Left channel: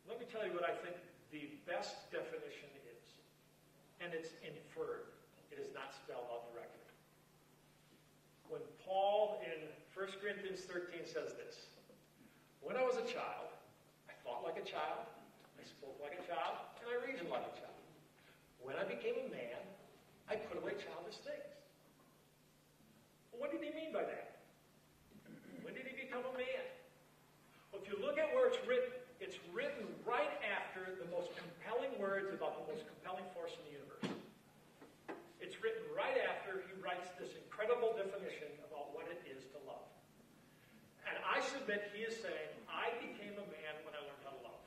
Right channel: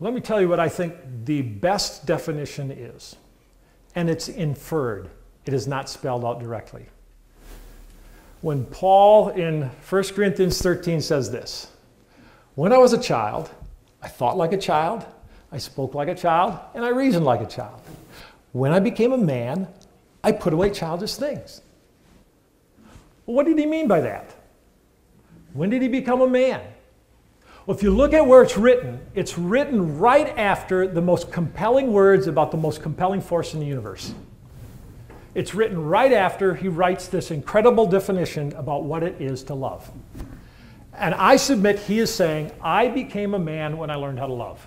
Let me tell you what I think the best definition is. And it's inferred. It is not spelled out directly. When Paul in 1 Corinthians 13 says this, when I was a child, I thought like a child, I spoke like a child, and I reasoned like a child. When I became a man, I put away childish things. Well, what did he mean by that? When did he become a man? Well, if you look at where it's written right after the most compelling words about the most compelling force in the universe. It's written right after he writes this incredible definition about what it is to love. And I submit he is saying, I became a man when I learned how to love.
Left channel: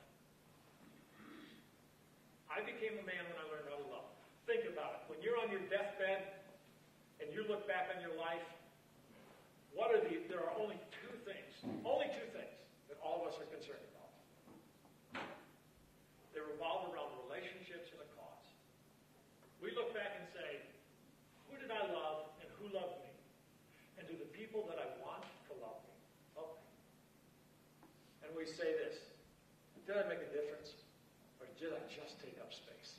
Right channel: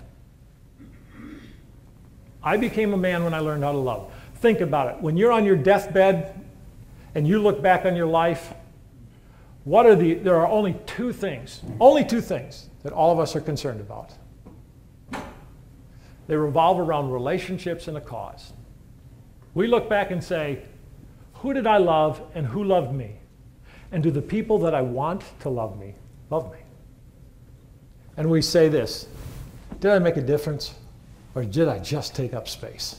I became a man when I learned how to love. Think about it. When you're on your deathbed and you look back on your life, there are only two things that all of us are concerned about. They revolve around relationships and a cause. We look back and say, who did I love and who loved me? And do the people that I want to love me, love me? And we say this, did I make a difference or did I just take up space?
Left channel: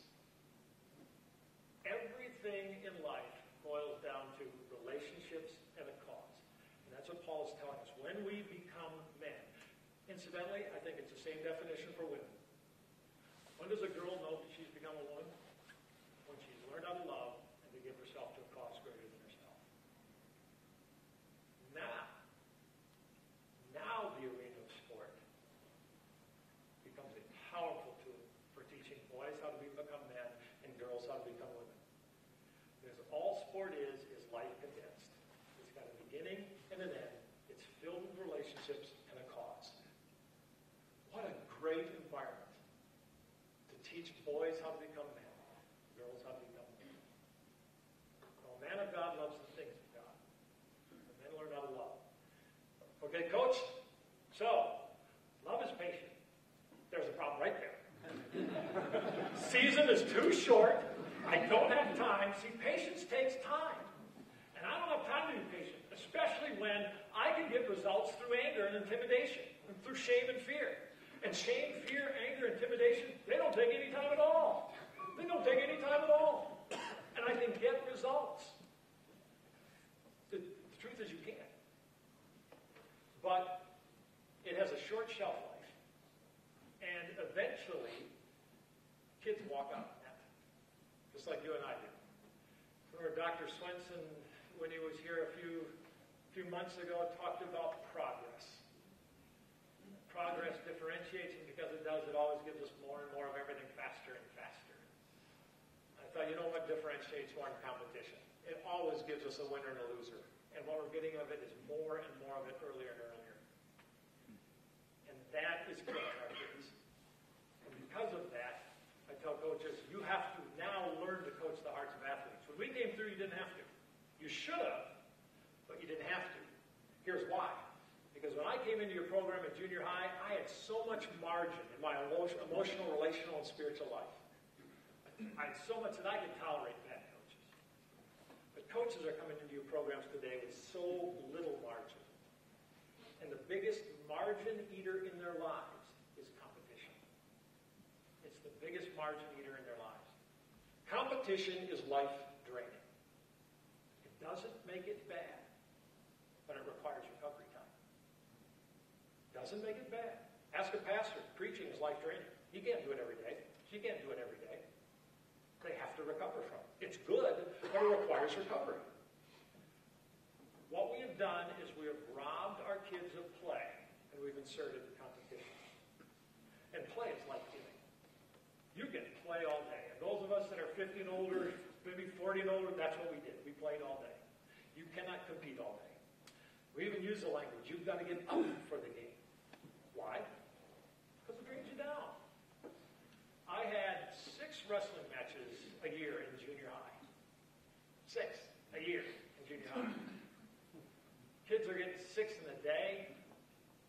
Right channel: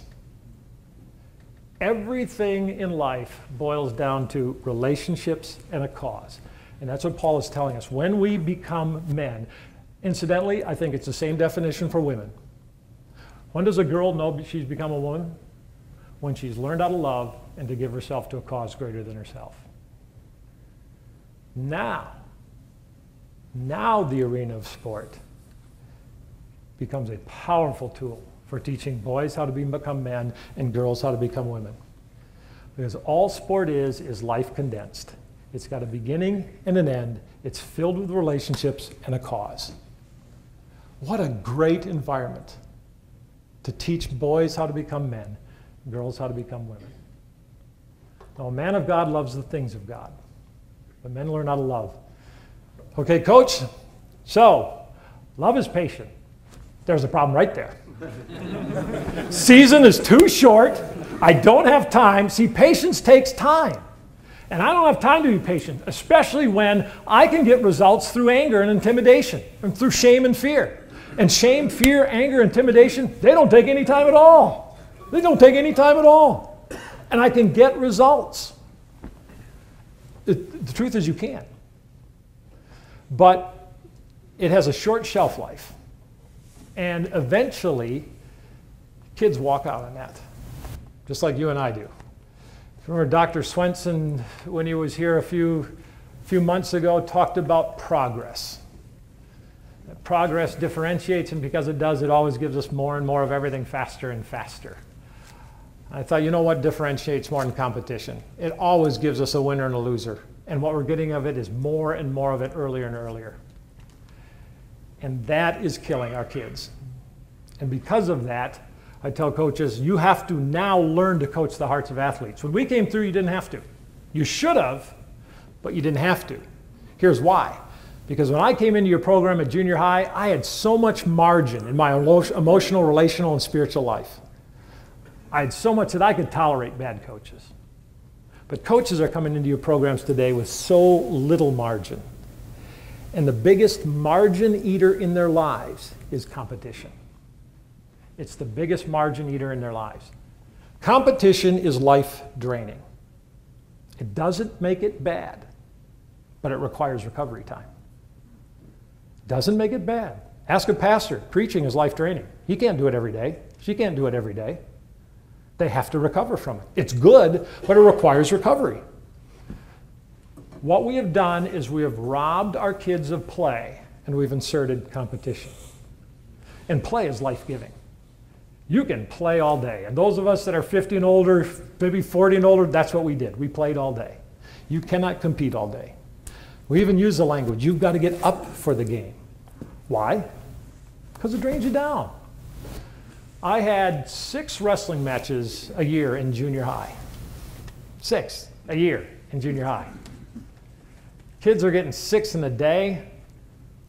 Everything in life boils down to relationships and a cause. And that's what Paul is telling us. When we become men, incidentally, I think it's the same definition for women. When does a girl know she's become a woman? When she's learned how to love and to give herself to a cause greater than herself. Now the arena of sport becomes a powerful tool for teaching boys how to become men and girls how to become women. Because all sport is life condensed. It's got a beginning and an end. It's filled with relationships and a cause. What a great environment to teach boys how to become men, girls how to become women. Now, a man of God loves the things of God, but men learn how to love. Okay, coach, so love is patient. There's a problem right there. Season is too short. I don't have time. See, patience takes time. And I don't have time to be patient, especially when I can get results through anger and intimidation, and through shame and fear. And shame, fear, anger, intimidation, they don't take any time at all. They don't take any time at all. And I can get results. The truth is you can. But it has a short shelf life. And eventually, kids walk out on that, just like you and I do. Remember Dr. Swenson, when he was here a few months ago, talked about progress. Progress differentiates, and because it does, it always gives us more and more of everything faster and faster. I thought, you know what differentiates more than competition? It always gives us a winner and a loser. And what we're getting of it is more and more of it earlier and earlier. And that is killing our kids. And because of that, I tell coaches, you have to now learn to coach the hearts of athletes. When we came through, you didn't have to. You should have, but you didn't have to. Here's why. Because when I came into your program at junior high, I had so much margin in my emotional, relational, and spiritual life. I had so much that I could tolerate bad coaches. But coaches are coming into your programs today with so little margin. And the biggest margin eater in their lives is competition. It's the biggest margin eater in their lives. Competition is life draining. It doesn't make it bad, but it requires recovery time. Doesn't make it bad. Ask a pastor. Preaching is life draining. He can't do it every day. She can't do it every day. They have to recover from it. It's good, but it requires recovery. What we have done is we have robbed our kids of play, and we've inserted competition. And play is life-giving. You can play all day. And those of us that are 50 and older, maybe 40 and older, that's what we did. We played all day. You cannot compete all day. We even use the language, you've got to get up for the game. Why? Because it drains you down. I had 6 wrestling matches a year in junior high. 6 a year in junior high. Kids are getting 6 in a day,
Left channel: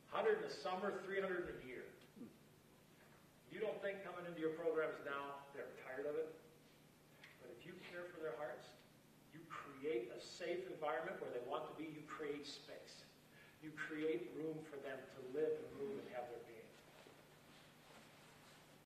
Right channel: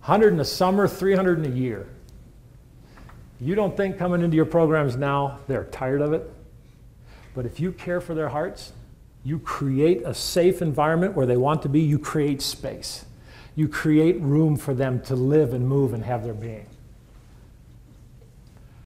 100 in the summer, 300 in a year. You don't think coming into your programs now they're tired of it? But if you care for their hearts, you create a safe environment where they want to be, you create space. You create room for them to live and move and have their being.